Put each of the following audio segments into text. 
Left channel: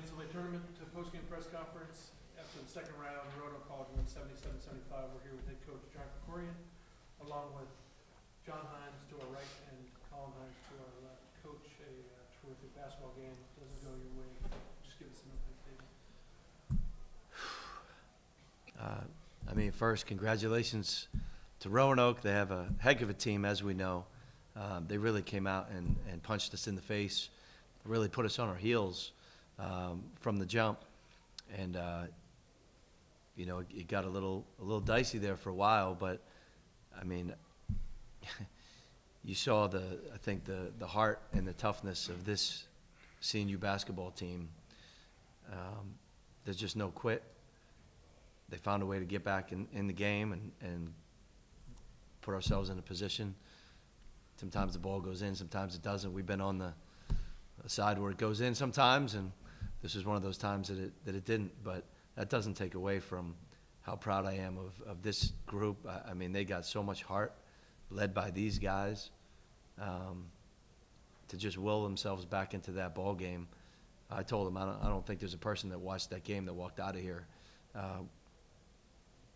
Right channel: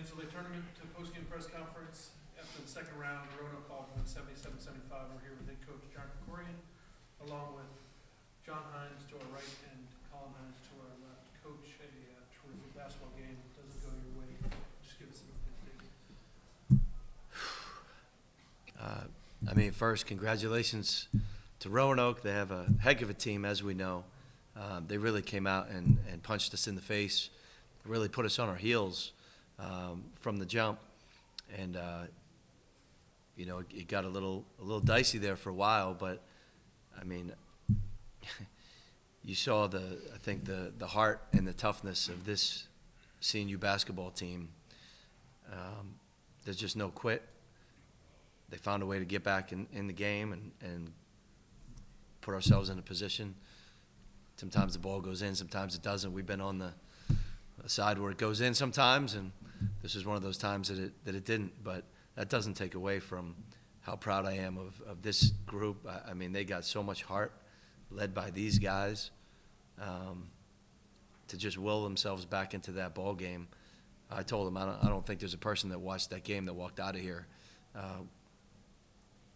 NCAA tournament to post-game press conference after the second round. The Roanoke College went 77-75. We're here with head coach John Krikorian, along with Jahn Hines to our right and Collin Hines to our left. Coach, a terrific basketball game. Doesn't go your way. Just give us an update. First, congratulations to Roanoke. They have a heck of a team, as we know. They really came out and punched us in the face, really put us on our heels from the jump. And, it got a little dicey there for a while, but, you saw the heart and the toughness of this CNU basketball team. There's just no quit. They found a way to get back in the game and put ourselves in a position. Sometimes the ball goes in, sometimes it doesn't. We've been on the side where it goes in sometimes, and this is one of those times that it didn't. But that doesn't take away from how proud I am of this group. They got so much heart, led by these guys, to just will themselves back into that ball game. I told them I don't think there's a person that watched that game that walked out of here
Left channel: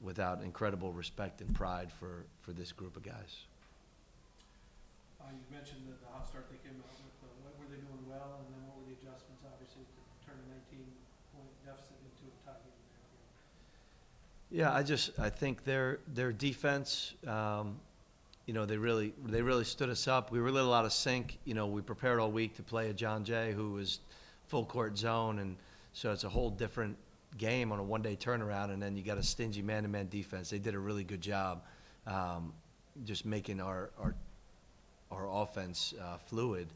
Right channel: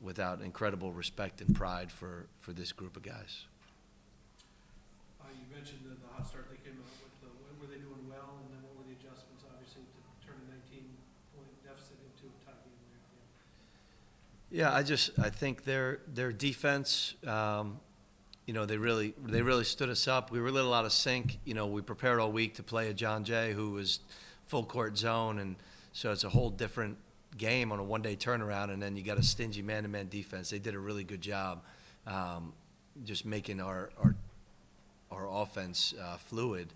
without incredible respect and pride for this group of guys. You mentioned the hot start they came out with. What were they doing well, and then what were the adjustments, obviously, to turn a 19-point deficit into a tie game there? Yeah, I think their defense, they really stood us up. We were a little out of sync. We prepared all week to play a John Jay who was full court zone, and so it's a whole different game on a one-day turnaround, and then you got a stingy man-to-man defense. They did a really good job just making our offense fluid.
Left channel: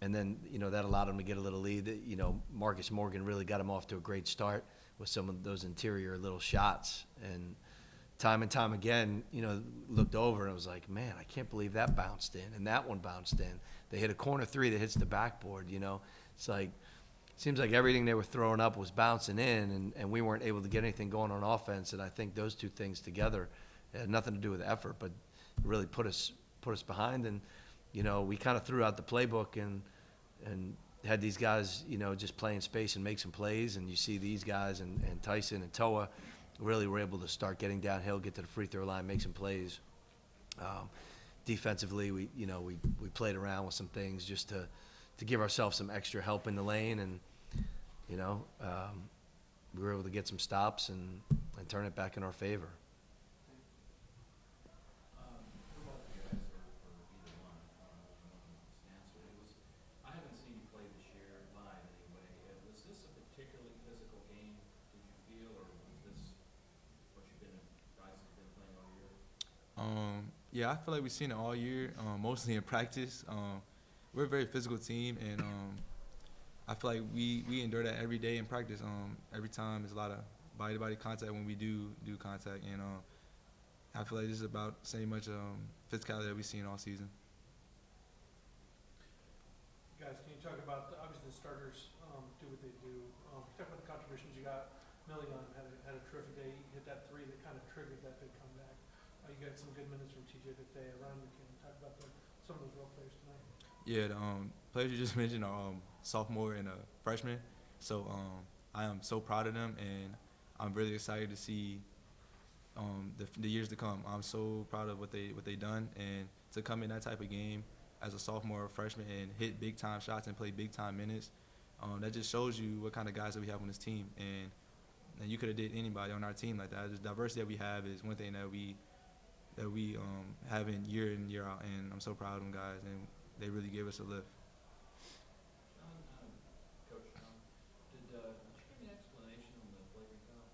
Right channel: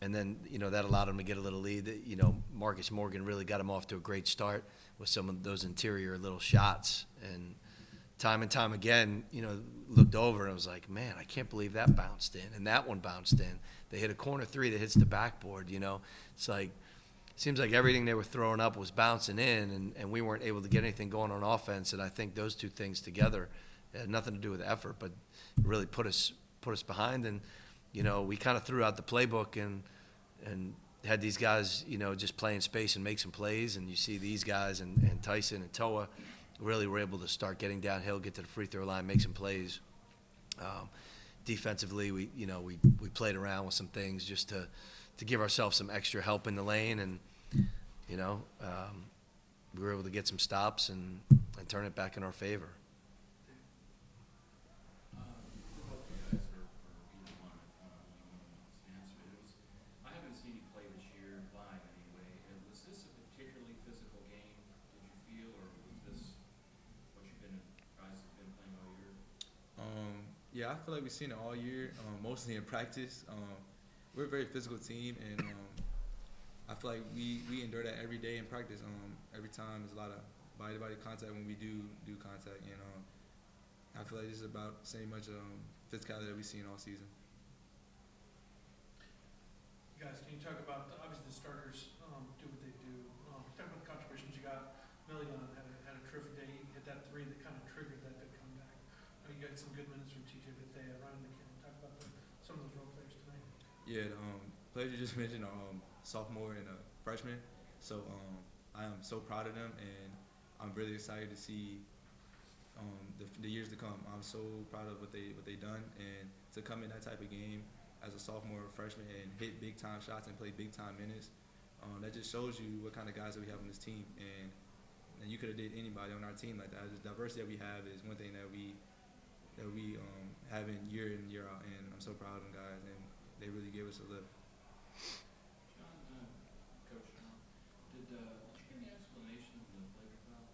And then, that allowed them to get a little lead. Marcus Morgan really got him off to a great start with some of those interior little shots. And time again, looked over and I was like, man, I can't believe that bounced in. And that one bounced in. They hit a corner three that hits the backboard, It's like, it seems like everything they were throwing up was bouncing in, and we weren't able to get anything going on offense. And I think those two things together had nothing to do with effort, but really put us behind. And, we kind of threw out the playbook and had these guys, just play in space and make some plays. And you see these guys and Tyson and Toa really were able to start getting downhill, get to the free throw line, make some plays. Defensively, we played around with some things just to give ourselves some extra help in the lane, and we were able to get some stops and turn it back in our favor. I haven't seen you play this year live anyway. Was this a particularly physical game, did you feel, or was this what guys have been playing all year? Yeah, I feel like we've seen it all year, mostly in practice. We're a very physical team, and I feel like we endure that every day in practice. Every time there's a lot of body-to-body contact when we do contact, and I feel like this is about the same much physicality that we've seen all season. Guys, can you talk about, obviously the starters do what they do. Talk about the contributions you got. Million had a terrific day. He hit that three that kind of triggered that big comeback. You got some good minutes from TJ Vitte around the game. Talk about some of those role players tonight. Yeah, the players you just mentioned are sophomore and freshman. So I am so proud of them, and I'm really excited to see the years to come. I'm so proud of what they done, and to come in that type of game as a sophomore or freshman and hit big time shots and play big time minutes, that just shows you what kind of guys that we have on this team. And you could have did anybody on our team like that. The diversity that we have is one thing that we have in year out, and I'm so proud of them guys, and they really gave us a lift. Coach John, did you get any explanation on the flagrant foul?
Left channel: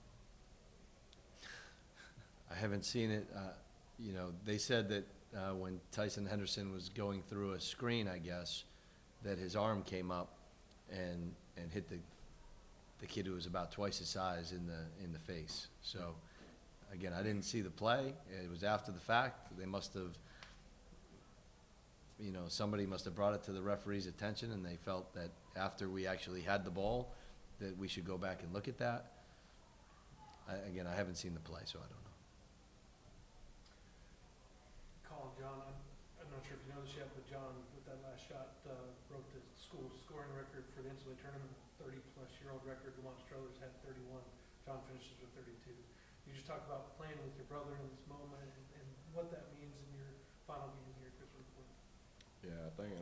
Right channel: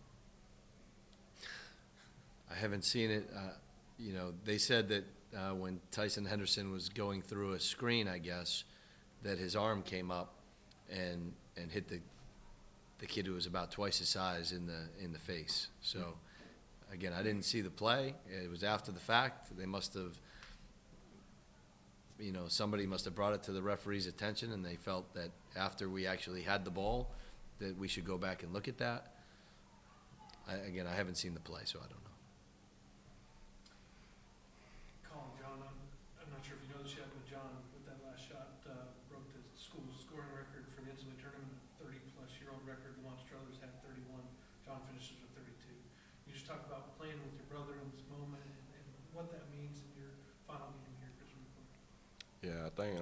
I haven't seen it. They said that when Tyson Henderson was going through a screen, I guess, that his arm came up and hit the kid who was about twice his size in the face. So again, I didn't see the play. It was after the fact. They must have, somebody must have brought it to the referee's attention, and they felt that after we actually had the ball that we should go back and look at that. I haven't seen the play, so I don't know. Collin, John, I'm not sure if you know this yet, but John, with that last shot, broke the school scoring record for 6-year-old record. The Lawrence Struthers had 31. John finishes with 32. You just talk about playing with your brother in this moment and what that means in your final game here at Christian Newport. Yeah, I think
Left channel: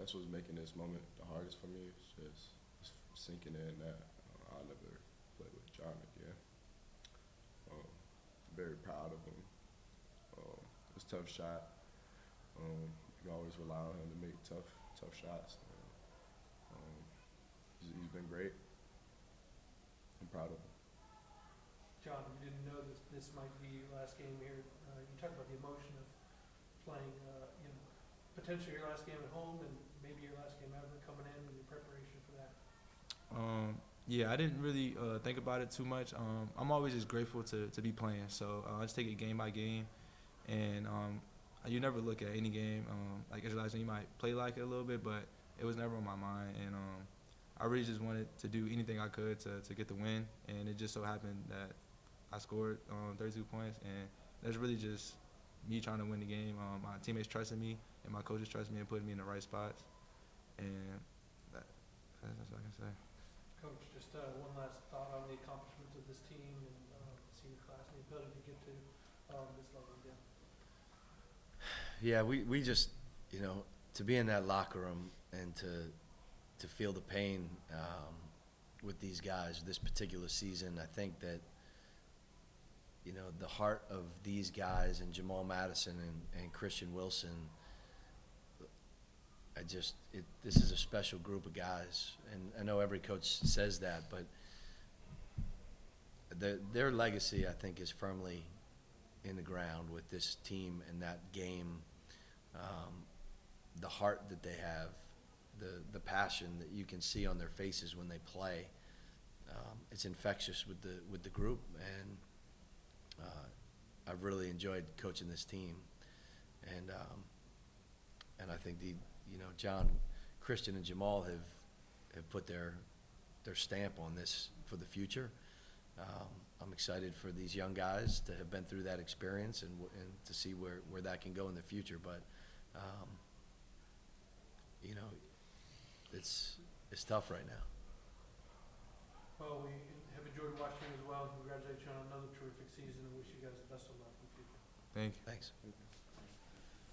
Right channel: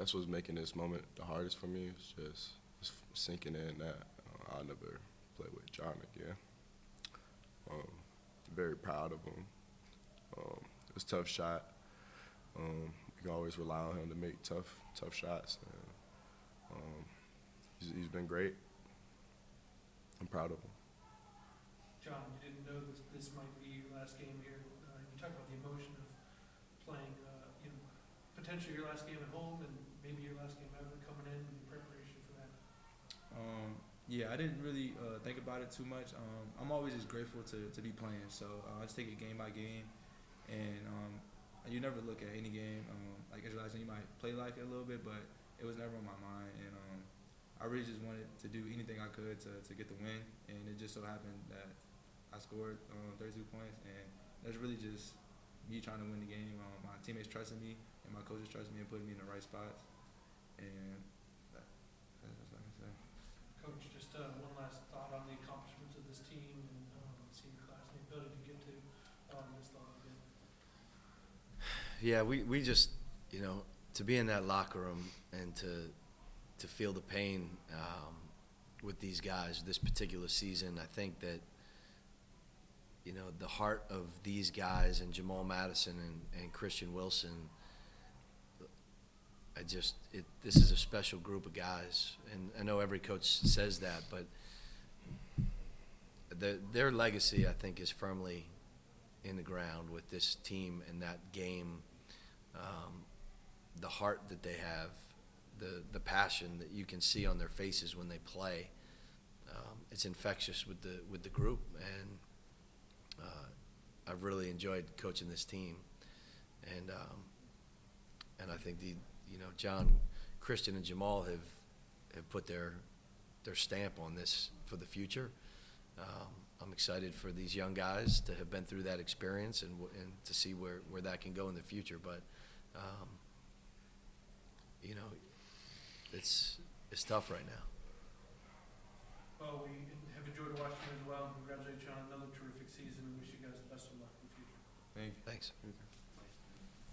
that's what's making this moment the hardest for me. It's just sinking in that I'll never play with John again. Very proud of him. It was a tough shot. You can always rely on him to make tough shots. And, he's been great. I'm proud of him. John, you didn't know this might be your last game here. You talk about the emotion of playing, potentially your last game at home and maybe your last game ever coming in and the preparation for that. Yeah, I didn't really think about it too much. I'm always just grateful to be playing. So I just take it game by game, and you never look at any game like Israelites, and you might play like it a little bit, but it was never on my mind. And I really just wanted to do anything I could to get the win, and it just so happened that I scored 32 points, and that's really just me trying to win the game. My teammates trusted me, and my coaches trusted me and put me in the right spots, and that's what I can say. Coach, just one last thought on the accomplishments of this team and senior class and the ability to get to this level again. Yeah, we just, to be in that locker room and to feel the pain with these guys this particular season, I think that, the heart of these guys and Jamal Madison and Christian Wilson, this is a special group of guys. And I know every coach says that, but their legacy, I think, is firmly in the ground with this team and that game. The heart that they have, the passion that you can see on their faces when they play, it's infectious with the group. And I've really enjoyed coaching this team. And I think John, Christian, and Jamal have put their stamp on this for the future. I'm excited for these young guys to have been through that experience and to see where that can go in the future. But it's tough right now. Well, we have enjoyed watching you as well. Congratulate you on another terrific season and wish you guys the best of luck in the future. Thank you. Thanks.